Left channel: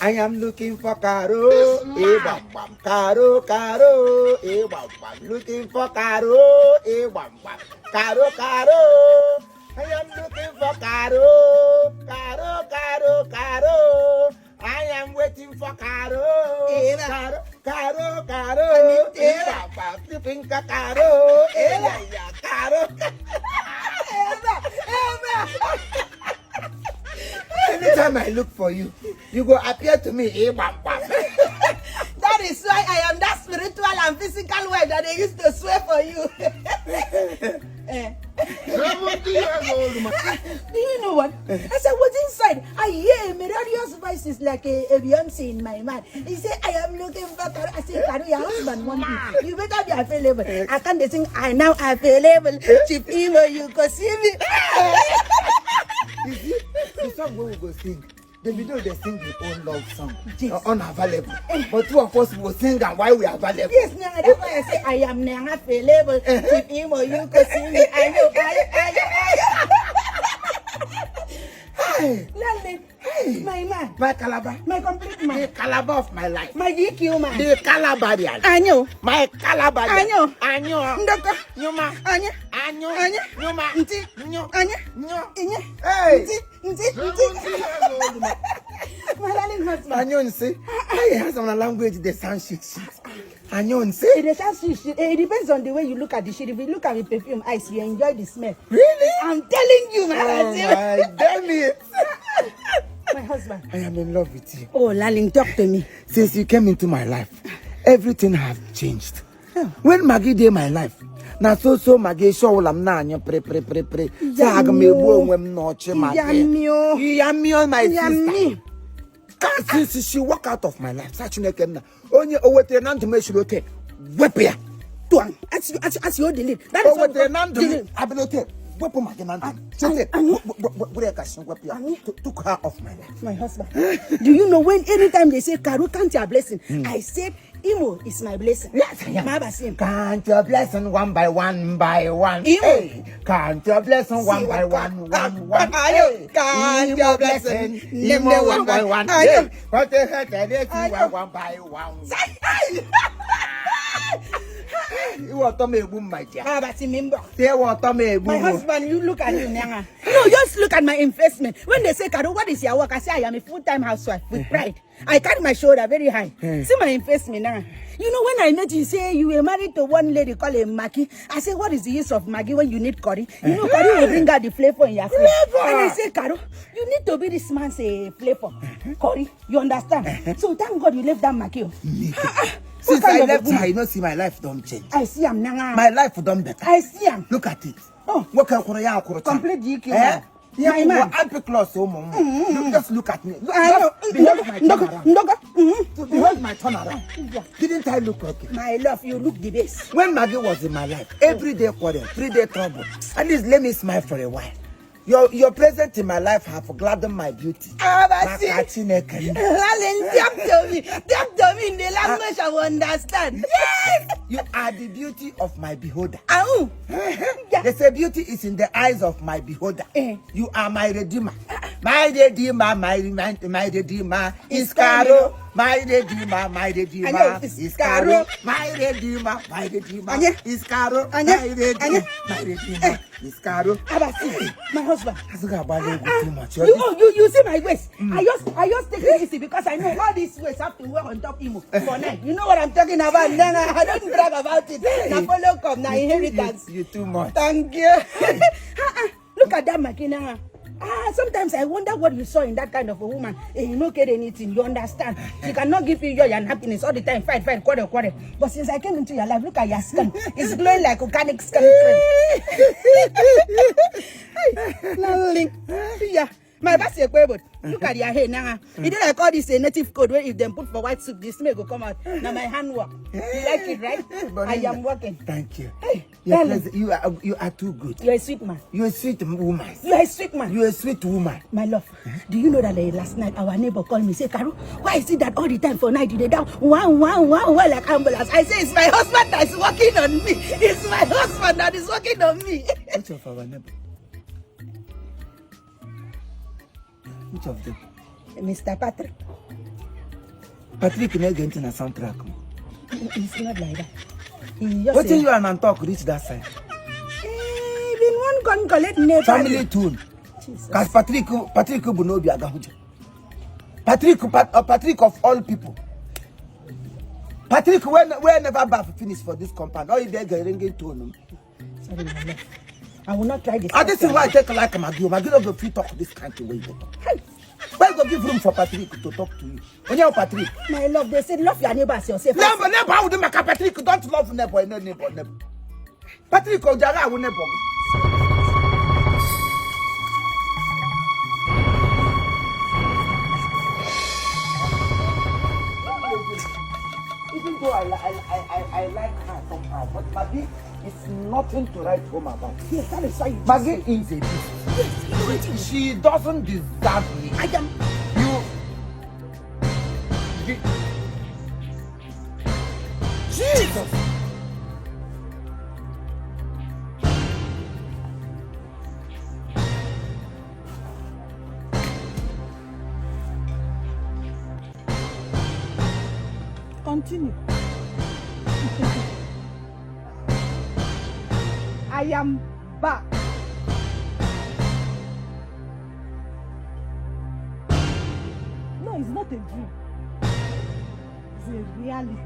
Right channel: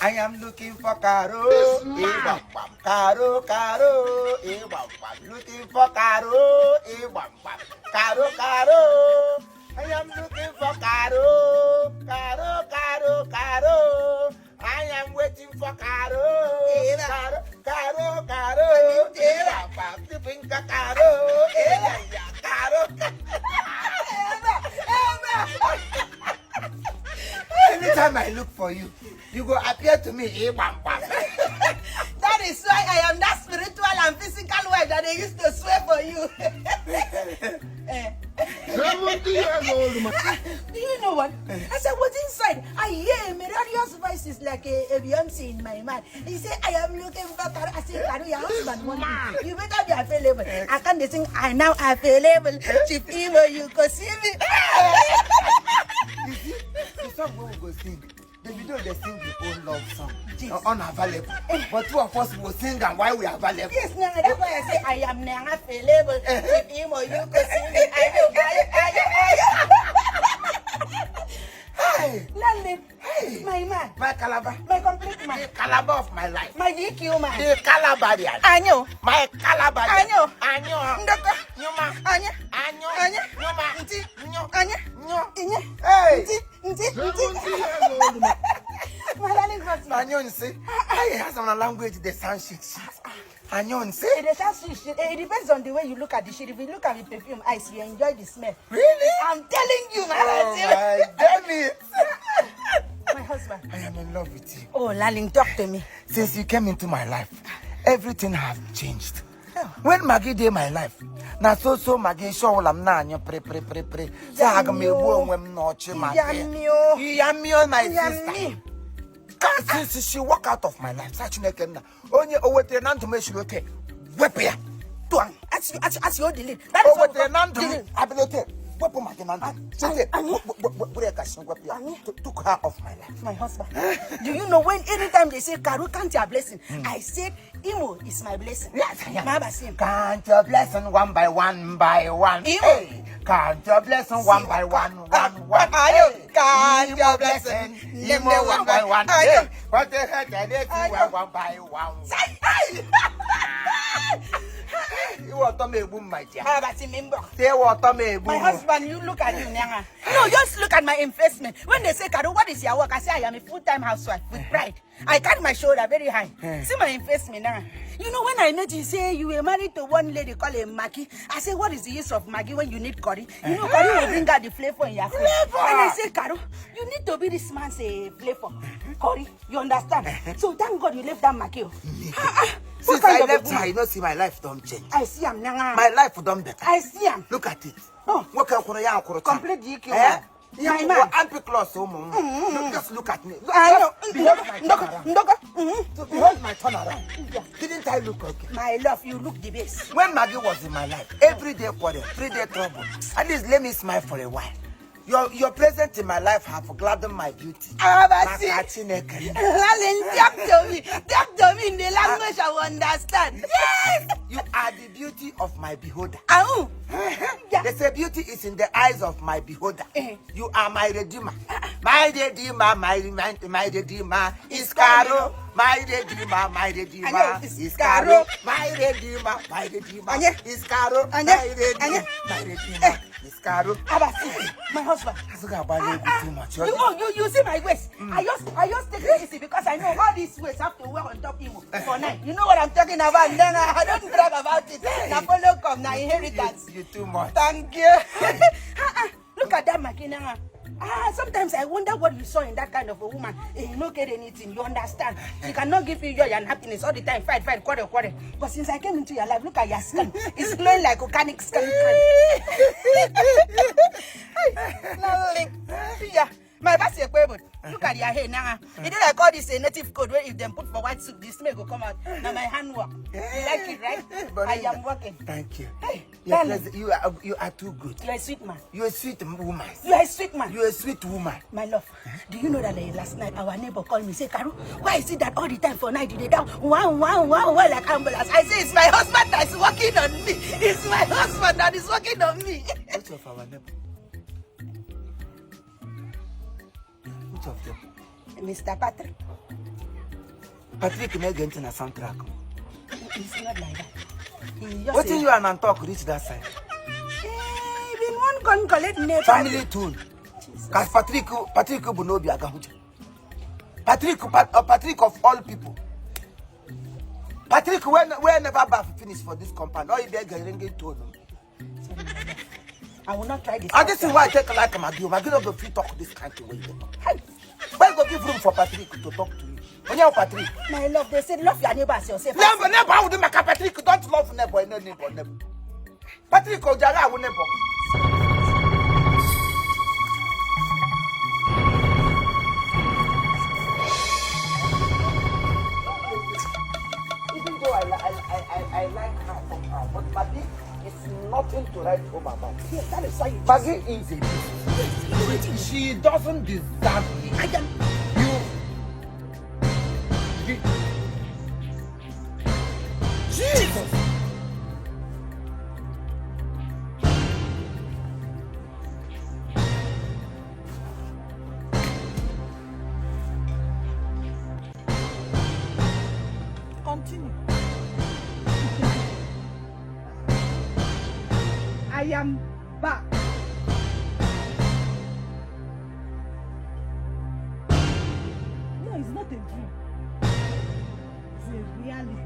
I am looking for Caro. Bam bam. Caro, Caro. Bam bam. Looking for Caro. Bam bam. Caro, Caro. I am looking for Caro. Caro, Caro, Caro. I am waiting for Caro. Caro, Caro, Caro. Bam bam. Looking for Caro. Caro. Anytime I look for you, you go appear to me. That is why I am that spiritual and physical wife that they used to swear for you. 70 years old, man. Do you know what? As I was inside, I hear a melodious voice is like a Beyonce in my mind. He said, I am looking for Caro. I said, Caro, your husband wants you. You better be available. I can't sing, I now available. Chief Imo, you go see me. You see, the song we will go sing. The video they sing their own love song. Yes. Unavailable. But two of us will sing and why we are available. Yes, now that's why I say I am now available. Chief Imo, you go see me. I know. Hey, London. Hey, my man. My calabar. My complete man. The calabar of my life. My GQ man. The calabarian. Anyo. My calabarian. Anyo. Ndoko. Nyuma. Anya. Anyo. Anya. Nyuma. Nti. Nyo. Anya. Nyo. Inya. Hey. Nti. 70 years old, man. My darling husband. Anyo nsi. I have some language they sound shit. Anyo nsi. It depends on the way you look at the shit. If you look at the perfume ice, you enjoy the smell. Really? I'm telling you, man. Oh my damn it. My husband. I am in love with you. Oh, Laling, talk to me. Since you came into my life, everything have changed. When Maggi did my life, na so Maggi show lam na anyo pre. Sa aga me wo nwem no che Maggi. Yamio my sister. Since she walk out of my life, such na kem na. Onye owete na ntome shirote. Wepia. Tuang. As you delete. That is what owete na ntome ability. Wepo Maggi na ntome. Took her off my life. My husband. Do you know when anytime they say Caro, count your blessing? I said Imo is my blessing. Yes, I am. Count your blessing one by one by one. Imo. Hey, count your blessing one by one. Hey, count your blessing. Imo one by one. Hey, what the heck? One by one. You want to make boom, my dear. How about him? They want to make boom. My husband, you look at you, Nyanga. No, just look at my investment. When they say, Caro, what is your work? I say, I am a full-time housewife with pride. I carry my shoulder very high. See my investment, Nyanga. You know, when I met you, say you were married to one lady called Maggi. I say, what is the use of Maggi when you need curry? You know, curry will bring out the flavor in your food. And I say, Caro, you need to be this man's flavor. Curry, you understand? So thank God you left that Maggi. Since I left her, you know, see my life don't change. I see him now. My life done better. I see him. Look at it. Oh, complete GQ. Eh? My man. Just look at me. I know. Behold my turnaround. Didn't I look okay? My love, you look the best. When Maggi was in my life, every day quarrel, 3-day trouble. At least let me smile for a while. Your presence in my life have gladdened my beauty. Talk to me in the language I will understand. Yes! You are the beauty of my beholder. Oh. They say beauty is in the eyes of my beholder. You are my redeemer. My redeemer, my redeemer is Caro. My redeemer is Caro. My redeemer is Caro. My redeemer is Caro. My husband. Too much. You see my waist. I just take it easy because I know all these waist have to wear on top Imo for night. You know what I'm talking about? Then I don't brag about it. Now follow come, now inheritance. You too much. Thank you. Look at that makina. Sometimes I wonder what you saw in that kind of a woman. You don't get anything, you understand? She cannot give you joy and happiness all the time. Fight, quarter. But since I came into your life, look at your skin. It's glowing like organic skin. Yeah. My boss is but look at your hair now. It is like all this native code where if them put for white soup, the smell will come out. Now my handwork. You like it, right? I am working. Thank you. Hey, you are too good. You're a sweet man. You're a sweet woman. You're a sweet man. You're a sweet woman. My love, do you know that last night our neighbor called me, say, Caro, why is it that all the time for night you down wow like ambulance? I say it's my husband that is working on me. It's my husband that is working on me. Which of our neighbor? Which of them? Mr. Patrick. Patrick again in a soundtrack. It's not like that. He just What in you and talk reach that side? Been one gun collect never. Family tune. Because Patrick Bunobi Agahuja. Patrick of all people. Patrick, whenever Bath finish for this compound, all you get ringing tone. Sorry, I will not try this. This is why I take like Maggi. Maggi don't go free talk this country way. Why go give room for Patrick to talk to you? When you're Patrick. My love, they said love your neighbors yourself. Never, I would make a Patrick. Don't love neighbor, no neighbor. Patrick Ojara will never. Nothing to write home about. Yes, that is why you just say. Maggi is a beast. Yes, you know it. She doesn't deserve me. I am. Jesus! Continue. I am back. No, it's not a dream. It's a reality.